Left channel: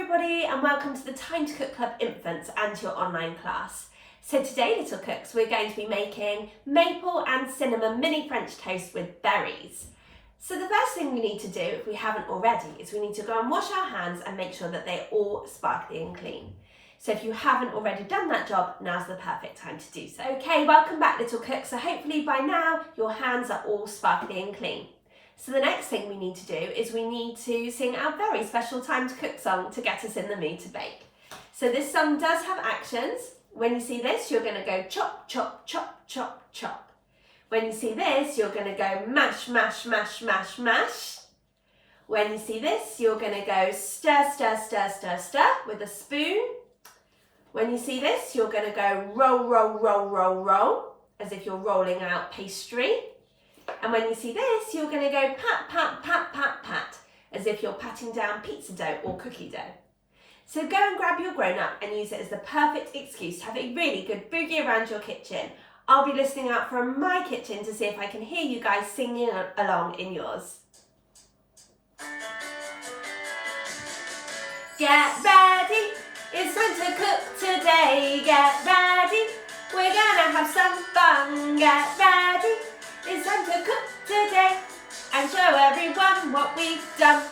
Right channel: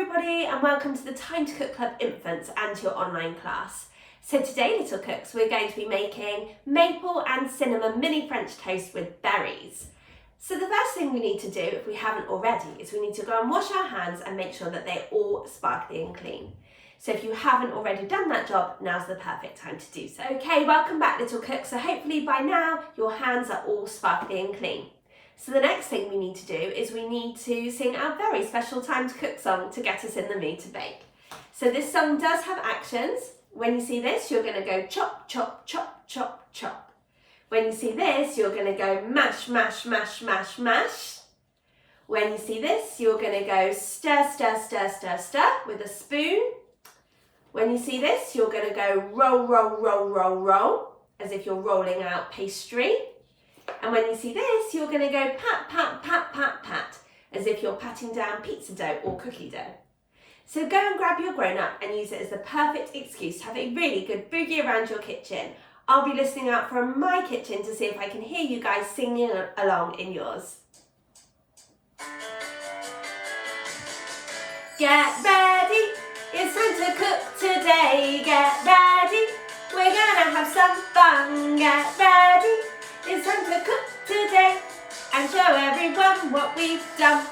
everybody and welcome to the Time to Cook Club Infants and your online class. So today, little cooks, we're going to be making maple and cinnamon mini French toast with berries. So the first thing we need to do, if we haven't already, is we need to go and wash our hands and make sure that they're all sparkly and clean. So if you haven't already done that job, now's the perfect time to do so. Okay, welcome back, little cooks. So hopefully by now your hands are all sparkly and clean. So the next thing we need to do is we need to sing our very special Time to Cook song to get us in the mood to bake. So this song does have actions. When you see this, you're going to go chop, chop, chop, chop, chop. When you see this, you're going to go mash, mash, mash, mash, mash. When you see this, you're going to go stir, stir, stir, stir, stir with a spoon. When you see this, you're going to go roll, roll, roll, roll, roll, as if you're rolling out pastry. And when you see this, you're going to go pat, pat, pat, pat, pat, as if you're patting down pizza dough or cookie dough. So go and grab your grown-up and use it as the perfect excuse to have a really good boogie around your kitchen. I'll be listening out from my kitchen to see if I can hear you guys singing along in yours. Get ready, it's time to cook today. Get ready, we're gonna have some fun. Get ready, it's time to cook today and show everyone what we've done.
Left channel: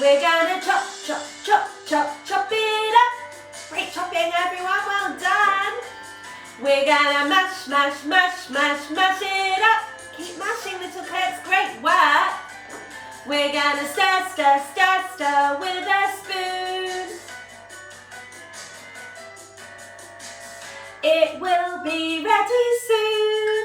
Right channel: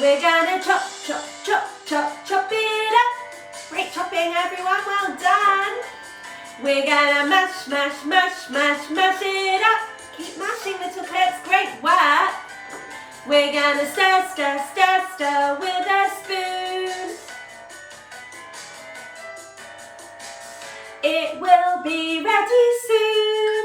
We're gonna chop, chop, chop, chop, chop it up. Great chopping, everyone, well done. We're gonna mash, mash, mash, mash, mash it up. Keep mashing, little cooks, great work. We're gonna stir, stir, stir, stir with a spoon. It will be ready soon.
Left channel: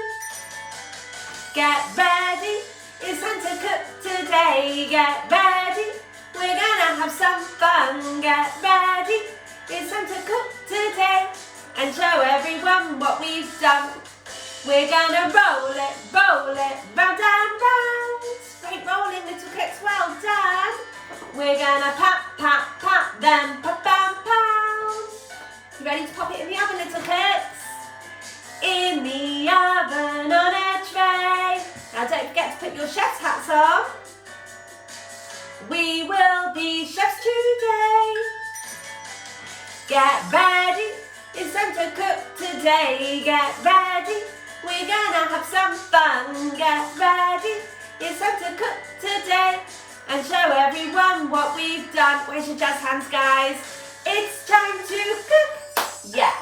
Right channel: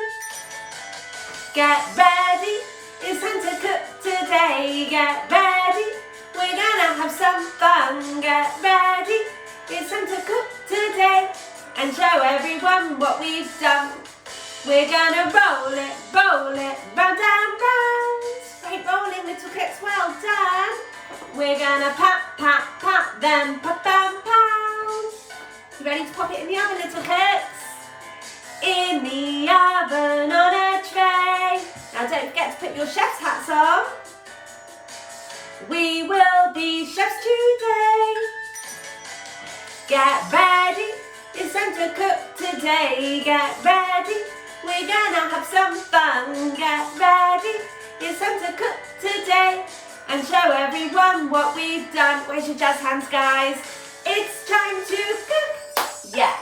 Get ready, it's time to cook today. Get ready, we're gonna have some fun. Get ready, it's time to cook today and show everyone what we've done. We're gonna roll it, round and round. Great rolling, little cooks, well done. We're gonna pat, pat, pat, then pop and pound. You ready to pop it in the oven, little cooks? In the oven on a tray. Now don't forget to put your chef's hats on. We will be chefs today. Get ready, it's time to cook today. Get ready, we're gonna have some fun. Get ready, it's time to cook today and show everyone what we've done. Where's your jazz hands, guys? It's time to cook. Yeah.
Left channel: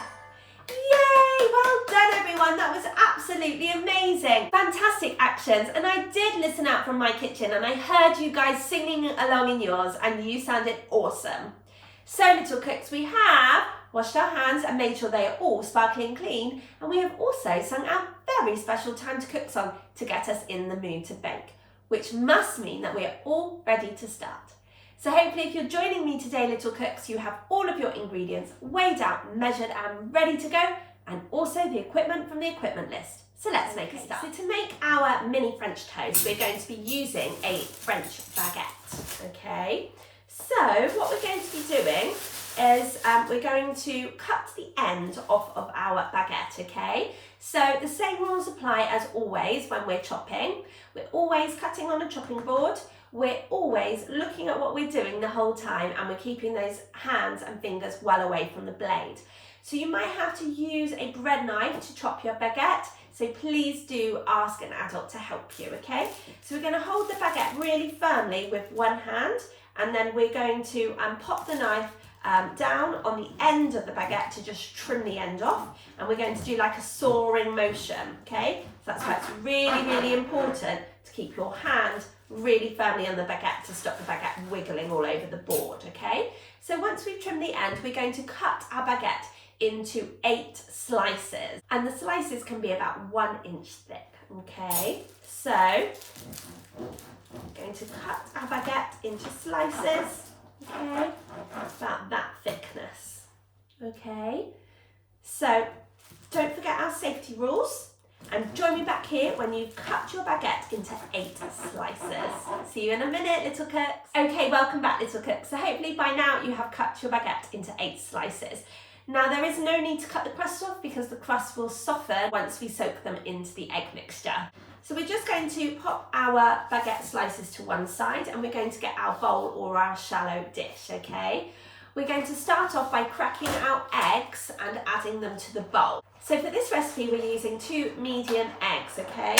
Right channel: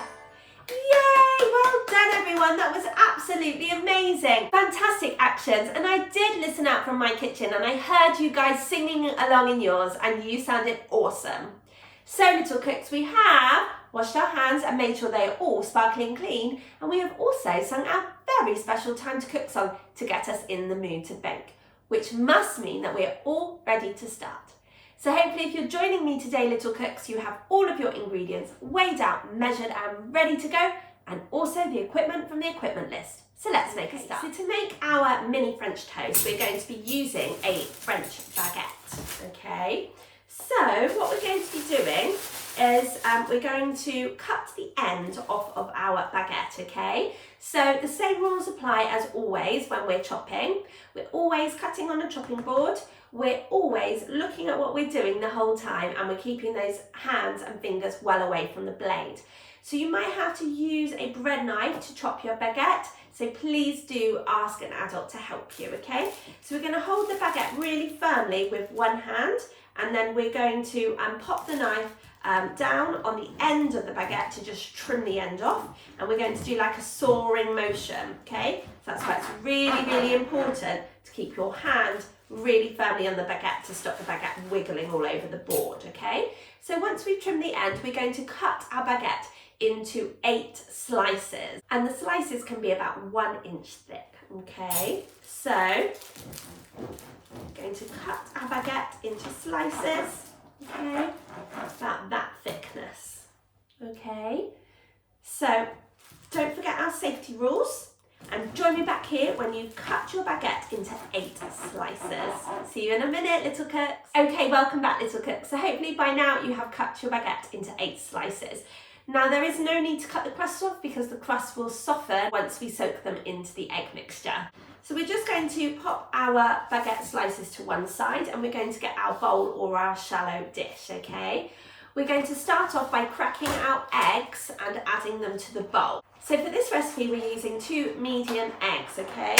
Yay! Well done, everyone. That was absolutely amazing. Fantastic actions. And I did listen out from my kitchen and I heard you guys singing along in yours and you sounded awesome. So, little cooks, we have washed our hands and made sure they are all sparkling clean. And we have also sung our very special Time to Cook song to get us in the mood to bake, which must mean that we are all ready to start. So hopefully if you're joining me today, little cooks, you have all of your ingredients weighed out, measured and ready to go, and also the equipment from the equipment list. So let's make a start. So to make our mini French toast, we're going to be using a French baguette, okay? So what we're going to be doing is we're going to cut the end off of our baguette, okay? So the same rules apply as always when we're chopping. We're always cutting on a chopping board. We're always looking at what we're doing the whole time and we're keeping those hands and fingers well away from the blade. So you might have to use a bread knife to chop your baguette, so please do ask an adult to help you, okay? So we're going to hold the baguette really firmly with one hand and then we're going to pop the knife down on the end of the baguette to just trim the end off, and we're going to do like a sawing motion, okay? So that's why it's really, really important to keep your hand really firmly on the baguette to stop the baguette wiggling all over the board, okay? So once we've trimmed the end, we're going to cut our baguette into 8 slices, and the slices can be about 1 inch thick, okay? So we're going to cut our baguette into slices, okay, about that thickness, okay? So don't forget our safety rules. And join me back here when you cut your baguette into 8 slices. See you in a minute, little cooks. Okay, welcome back, little cooks. So hopefully by now you have cut your baguette into 8 slices. Now there is no need to cut the crust off because the crust will soften once we soak them into the egg mixture. So we're just going to pop our baguette slices to one side and we're going to get our bowl or our shallow dish, okay? we're going to start off by cracking our eggs and adding them to the bowl. So for this recipe, we're using 2 medium eggs, okay?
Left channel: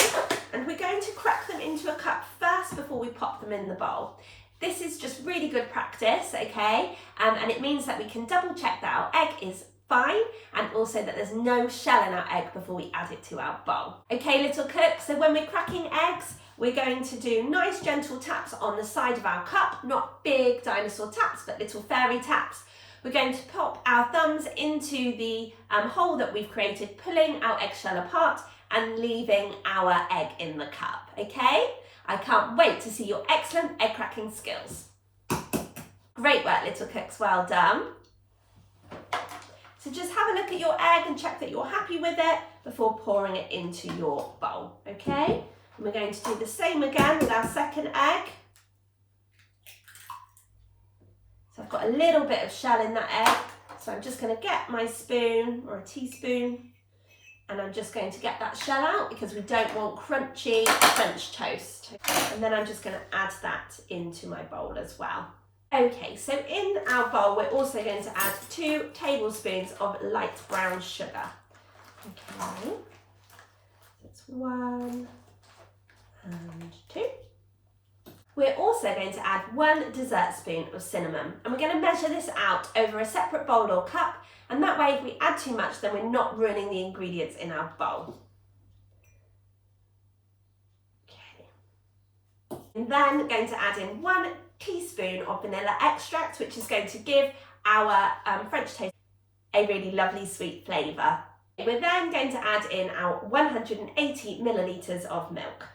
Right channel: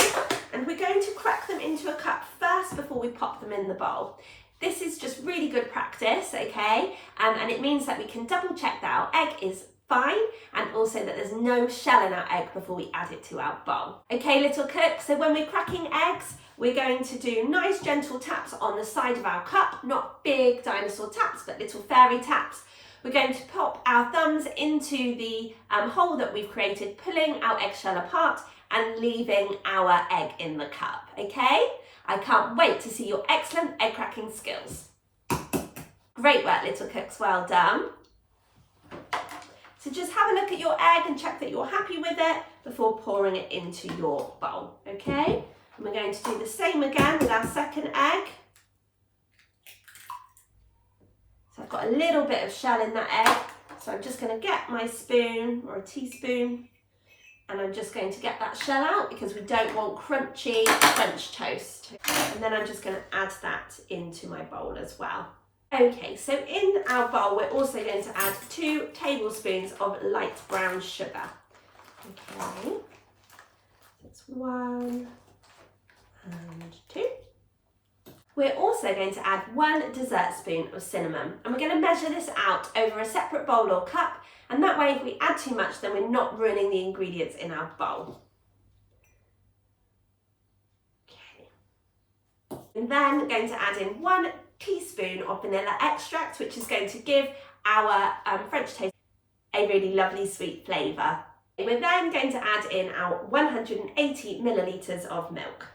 And we're going to crack them into a cup first before we pop them in the bowl. This is just really good practice, okay? And it means that we can double check that our egg is fine and also that there's no shell in our egg before we add it to our bowl. Okay, little cooks, so when we're cracking eggs, we're going to do nice gentle taps on the side of our cup, not big dinosaur taps, but little fairy taps. We're going to pop our thumbs into the hole that we've created, pulling our eggshell apart and leaving our egg in the cup, okay? I can't wait to see your excellent egg cracking skills. Great work, little cooks, well done. So just have a look at your egg and check that you're happy with it before pouring it into your bowl, okay? And we're going to do the same again with our second egg. So I've got a little bit of shell in that egg, so I'm just going to get my spoon or a teaspoon and I'm just going to get that shell out because we don't want crunchy French toast. And then I'm just going to add that into my bowl as well. Okay, so in our bowl we're also going to add 2 tablespoons of light brown sugar. Okay, that's 1 and 2. We're also going to add 1 dessert spoon of cinnamon, and we're going to measure this out over a separate bowl or cup, and that way if we add too much then we're not ruining the ingredients in our bowl. Okay, and then going to add in 1 teaspoon of vanilla extract, which is going to give our French toast a really lovely sweet flavour. We're then going to add in our 180 millilitres of milk.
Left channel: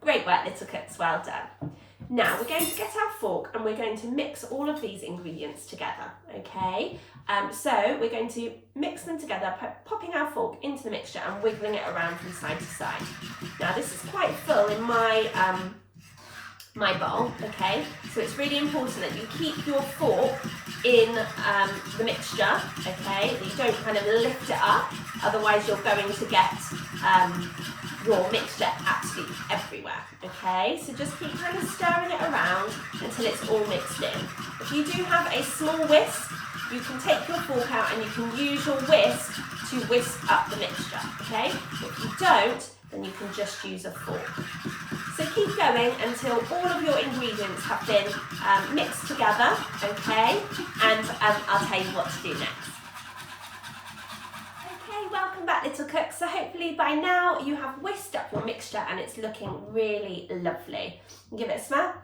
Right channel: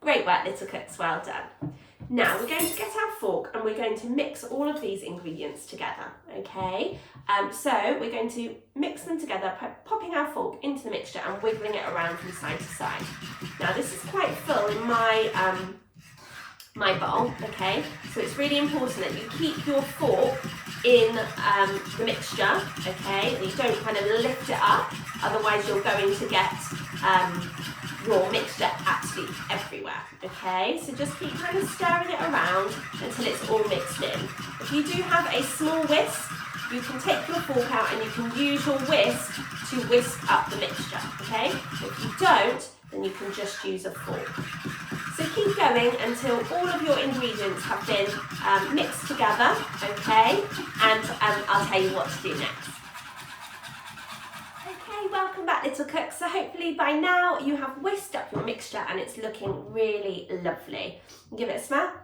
Great work, little cooks, well done. Now we're going to get our fork and we're going to mix all of these ingredients together, okay? So we're going to mix them together, popping our fork into the mixture and wiggling it around from side to side. Now this is quite full in my bowl, okay? So it's really important that you keep your fork in the mixture, okay? That you don't kind of lift it up, otherwise you're going to get your mixture absolutely everywhere, okay? So just keep kind of stirring it around until it's all mixed in. If you do have a small whisk, you can take your fork out and you can use your whisk to whisk up the mixture, okay? If you don't, then you can just use a fork. So keep going until all of your ingredients have been mixed together, okay? And I'll tell you what to do next. Okay, welcome back, little cooks. So hopefully by now you have whisked up your mixture and it's looking really lovely. Give it a smell.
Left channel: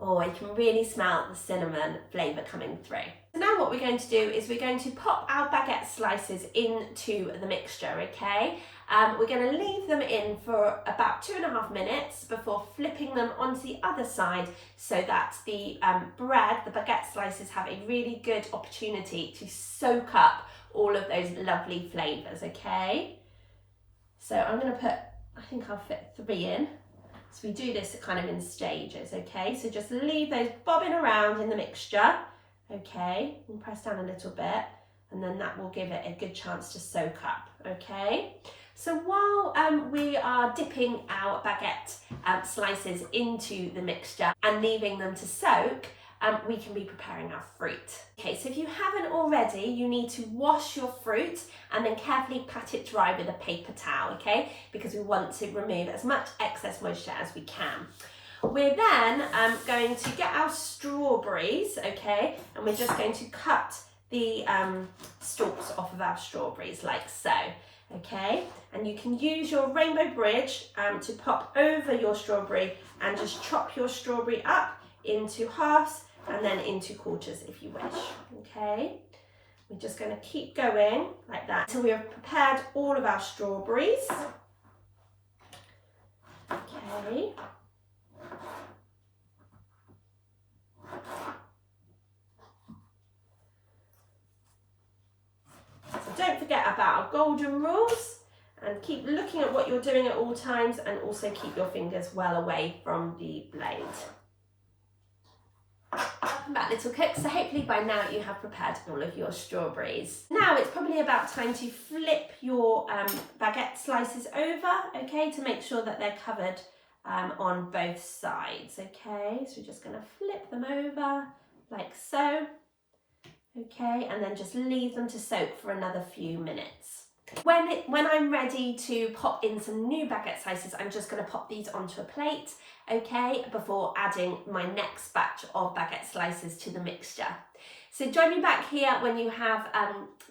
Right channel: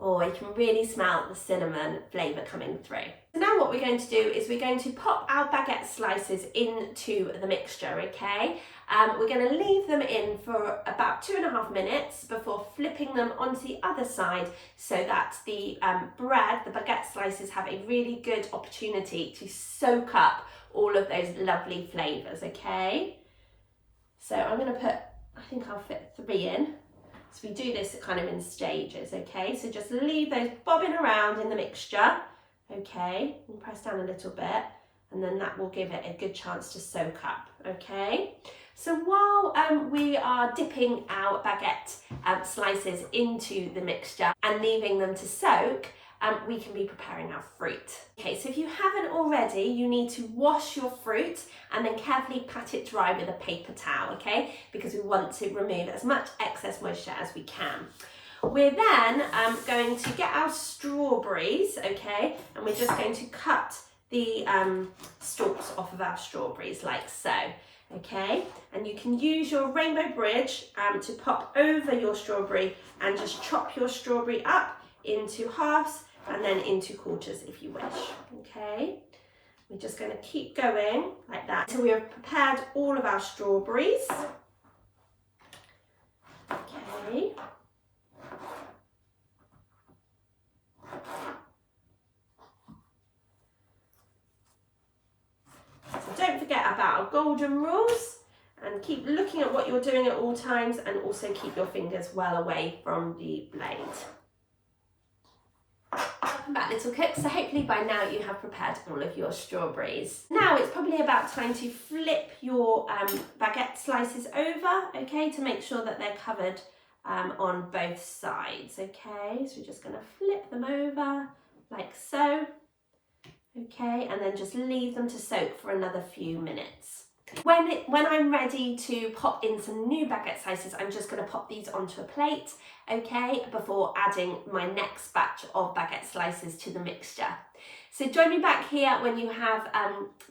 Oh, I can really smell the cinnamon flavour coming through. So now what we're going to do is we're going to pop our baguette slices into the mixture, okay? We're going to leave them in for about 2.5 minutes before flipping them onto the other side so that the bread, the baguette slices, have a really good opportunity to soak up all of those lovely flavours, okay? So I'm going to put, I think I'll fit 3 in. So we do this kind of in stages, okay? So just leave those bobbing around in the mixture, okay? And press down a little bit, and then that will give it a good chance to soak up, okay? So while we are dipping our baguette slices into the mixture and leaving them to soak, we can be preparing our fruit. Okay, so if you haven't already, you need to wash your fruit and then carefully pat it dry with a paper towel, okay? Because we want to remove as much excess moisture as we can. We're then going to get our strawberries, okay? And we're just going to cut the stalks off of our strawberries like so, okay? And you can use your rainbow bridge to pop over your strawberry and just chop your strawberry up into halves and then into quarters if you wish, okay? We're just going to keep going like that until we have prepared all of our strawberries. Okay. So don't forget about our golden rules and keep looking at what you're doing at all times and also keep your fingers well away from the blade. Welcome back, little cooks. So hopefully by now you have prepared all of your strawberries. Now it's probably about time to flip your baguette slices over, okay, to make sure that they're covered on both sides, okay? So we're just going to flip them over like so. okay, and then just leave them to soak for another few minutes. When I'm ready to pop in some new baguette slices, I'm just going to pop these onto a plate, okay, before adding my next batch of baguette slices to the mixture. So join me back here when you have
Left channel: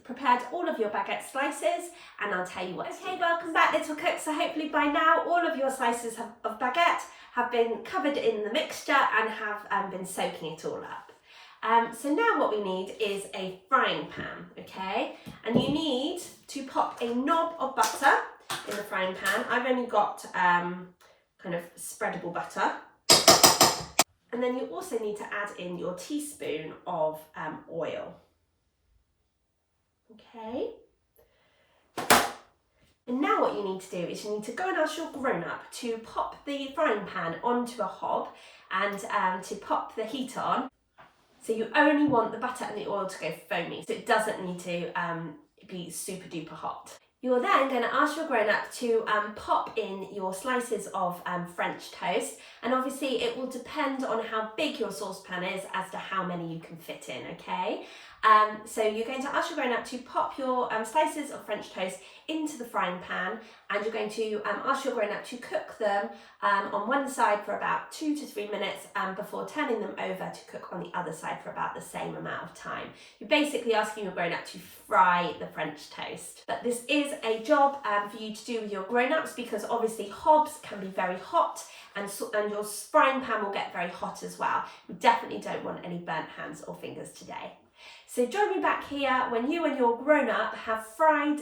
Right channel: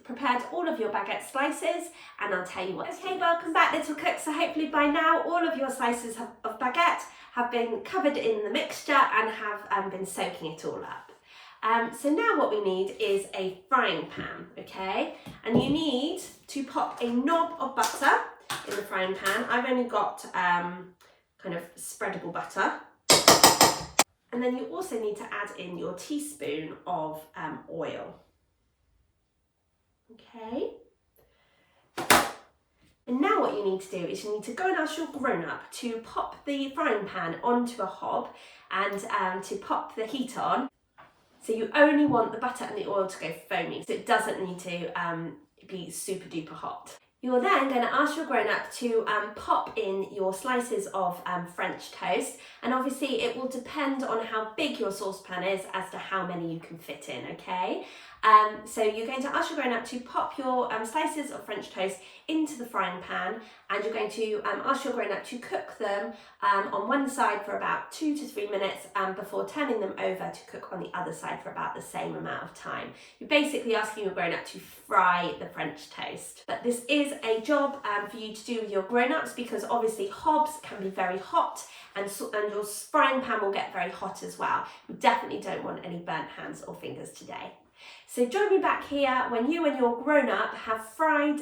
prepared all of your baguette slices, and I'll tell you what. Okay, welcome back, little cooks. So hopefully by now all of your slices of baguette have been covered in the mixture and have been soaking it all up. So now what we need is a frying pan, okay? And you need to pop a knob of butter in the frying pan. I've only got kind of spreadable butter. And then you also need to add in your teaspoon of oil. Okay. And now what you need to do is you need to go and ask your grown-up to pop the frying pan onto a hob and to pop the heat on. So you only want the butter and the oil to go foamy, so it doesn't need to be super duper hot. You're then going to ask your grown-up to pop in your slices of French toast, and obviously it will depend on how big your saucepan is as to how many you can fit in, okay? So you're going to ask your grown-up to pop your slices of French toast into the frying pan, and you're going to ask your grown-up to cook them on one side for about 2 to 3 minutes before turning them over to cook on the other side for about the same amount of time. You're basically asking your grown-up to fry the French toast. But this is a job for you to do with your grown-ups, because obviously hobs can be very hot, and your frying pan will get very hot as well. We definitely don't want any burnt hands or fingers today. So join me back here when you and your grown-up have fried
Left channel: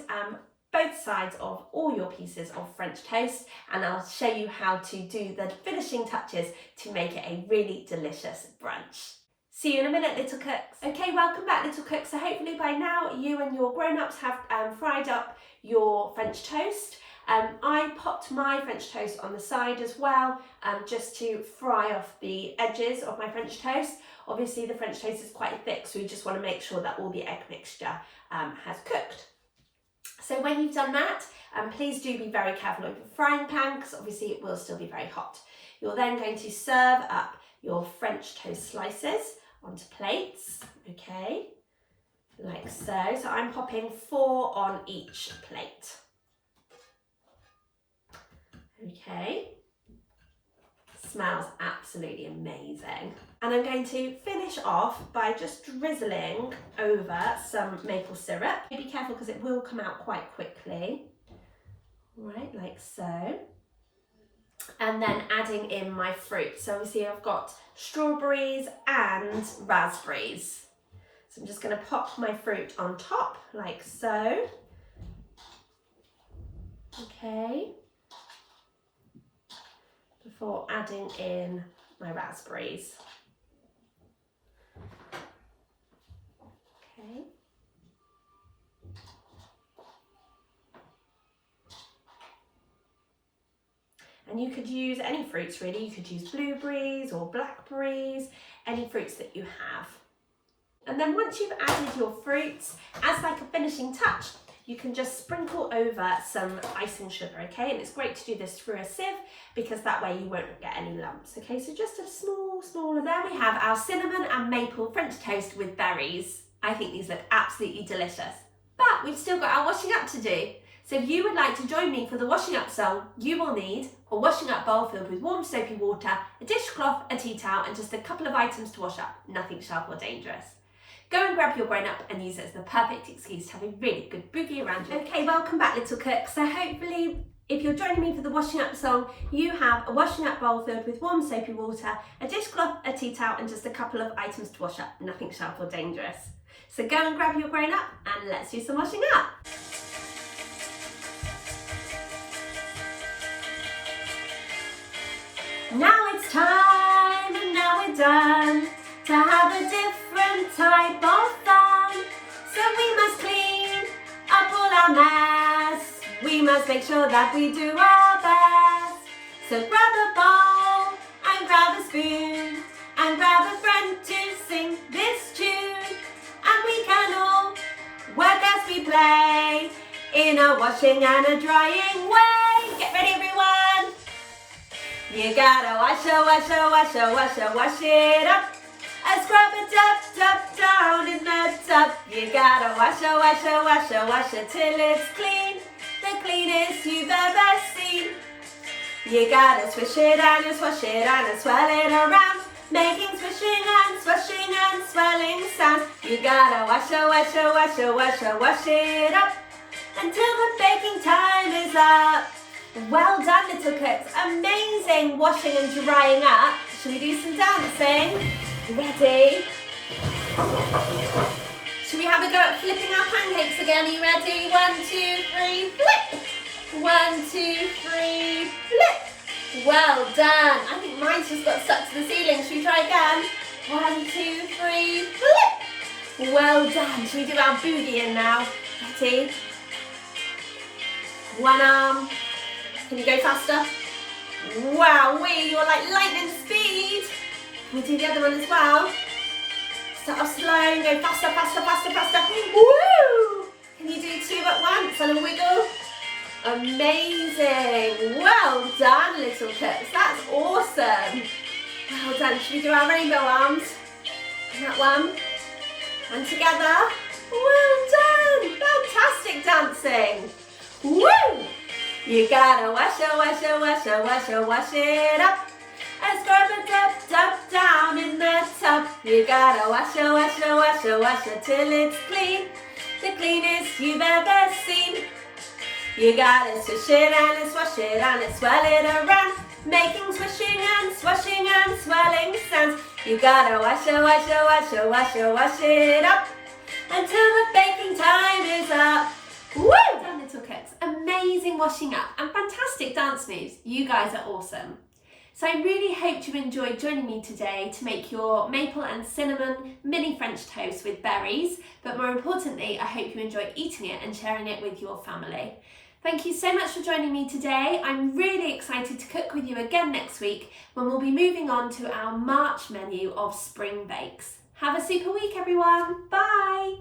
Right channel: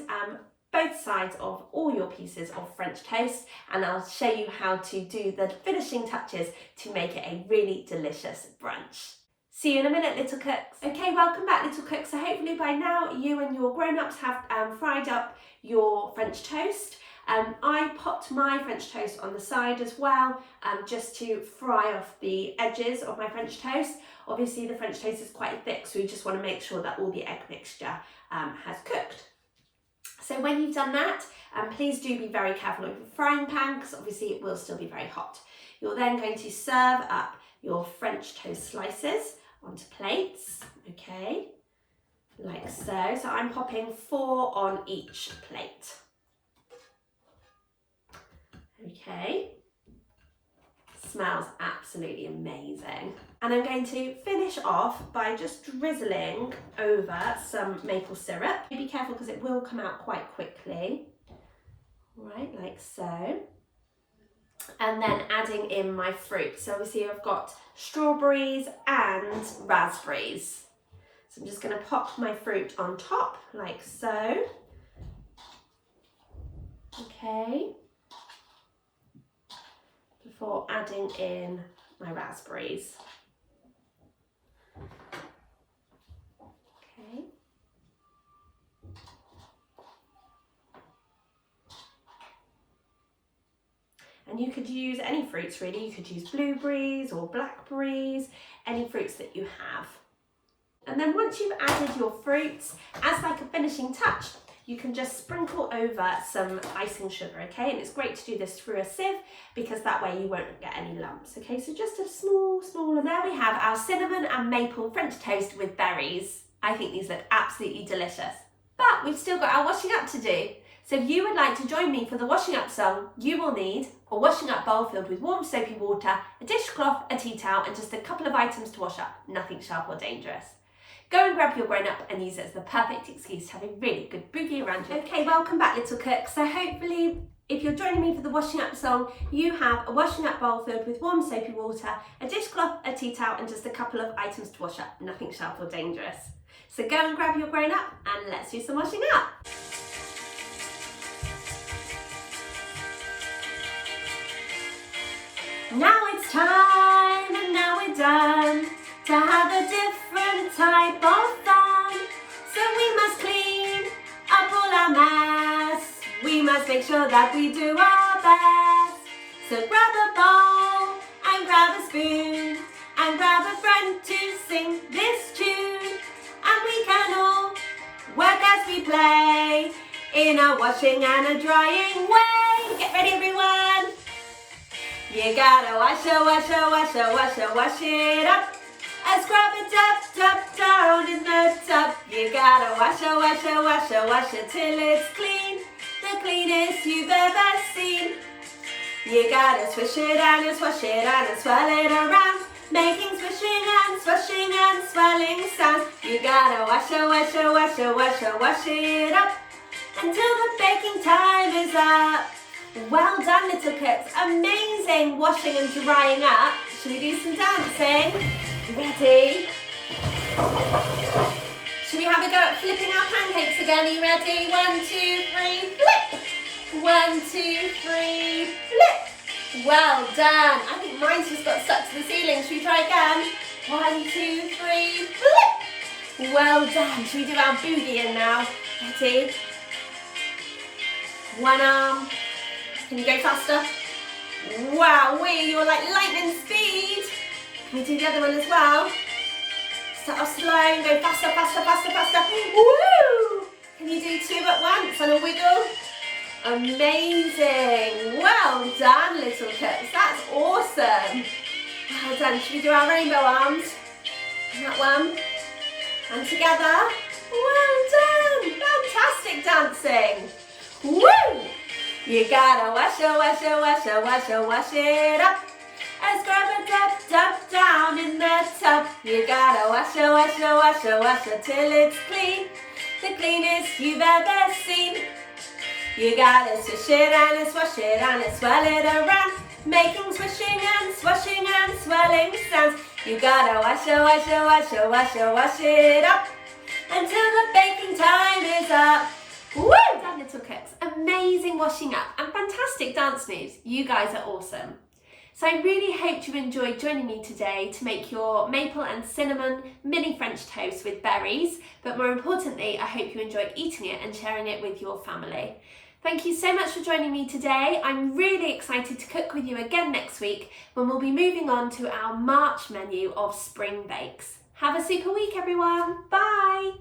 both sides of all your pieces of French toast, and I'll show you how to do the finishing touches to make it a really delicious brunch. See you in a minute, little cooks. Okay, welcome back, little cooks. So hopefully by now you and your grown-ups have fried up your French toast. I popped my French toast on the side as well, just to fry off the edges of my French toast. Obviously the French toast is quite thick, so you just want to make sure that all the egg mixture has cooked. So when you've done that, please do be very careful with the frying pan, because obviously it will still be very hot. You're then going to serve up your French toast slices onto plates, okay, like so. So I'm popping 4 on each plate. Okay, smells absolutely amazing. And I'm going to finish off by just drizzling over some maple syrup. Be careful because it will come out quite quickly. Right, like so. And then adding in my fruit. So obviously I've got strawberries and raspberries. So I'm just going to pop my fruit on top like so. Okay. Before adding in my raspberries. Okay. And you could use any fruits really. You could use blueberries or blackberries, any fruits that you have. And then once you've added your fruits, as like a finishing touch, you can just sprinkle over some icing sugar, okay? And it's great to do this through a sieve, because that way you won't get any lumps, okay? So just a small, and there we have our cinnamon and maple French toast with berries. I think these look absolutely delicious. But we've still got our washing up to do. So if you would like to join me for the washing up song, you will need a washing up bowl filled with warm soapy water, a dishcloth, a tea towel, and just a couple of items to wash up, nothing sharp or dangerous. Go and grab your grown up and use it as the perfect excuse to have a really good boogie around you. Okay, welcome back, little cook. So hopefully, if you're joining me for the washing up song, you have a washing up bowl filled with warm soapy water, a dishcloth, a tea towel, and just a couple of items to wash up, nothing sharp or dangerous. So go and grab your grown up and let's do some washing up. Now it's time, and now we're done, to have a different type of fun. So we must clean up all our mess. We must make sure that we do our best. So grab a bowl and grab a spoon and grab a friend to sing this tune. And we can all work as we play in a washing and a drying way. Get ready, everyone. You gotta wash it up. A scrub it up, down in the tub. You gotta wash it till it's clean. The cleanest you've ever seen. You gotta swish it and swash it and swirl it around, making swishing and swirling sounds. You gotta wash it up until the baking time is up. Well done, little cooks. Amazing washing and drying up. Should we do some dancing? You ready? Should we have a go at flipping our pancakes again? Are you ready? 1, 2, 3, flip! 1, 2, 3, flip! Well done. I think mine's just got stuck to the ceiling. Should we try again? 1, 2, 3, flip! Well done. Should we do our boogie in now? Ready? One arm. Can you go faster? Wow, you're like lightning speed. Can we do the other one as well? Start off slow and go faster. Woo! Can you do 2 at once and a wiggle? Amazing. Well done, little cooks. That's awesome. Well done. Should we do our rainbow arms? And that one. And together. Well done. Fantastic dancing. Woo! You gotta wash it up. And scrub it up, down in the tub. You gotta wash it till it's clean. The cleanest you've ever seen. You gotta swish it and swash it and swirl it around, making swishing and swirling sounds. You gotta wash it up until the baking time is up. Woo! Well done, little cooks. Amazing washing up and fantastic dance moves. You guys are awesome. So I really hope you enjoyed joining me today to make your maple and cinnamon mini French toast with berries, but more importantly, I hope you enjoyed eating it and sharing it with your family. Thank you so much for joining me today. I'm really excited to cook with you again next week when we'll be moving on to our March menu of spring bakes. Have a super week, everyone. Bye.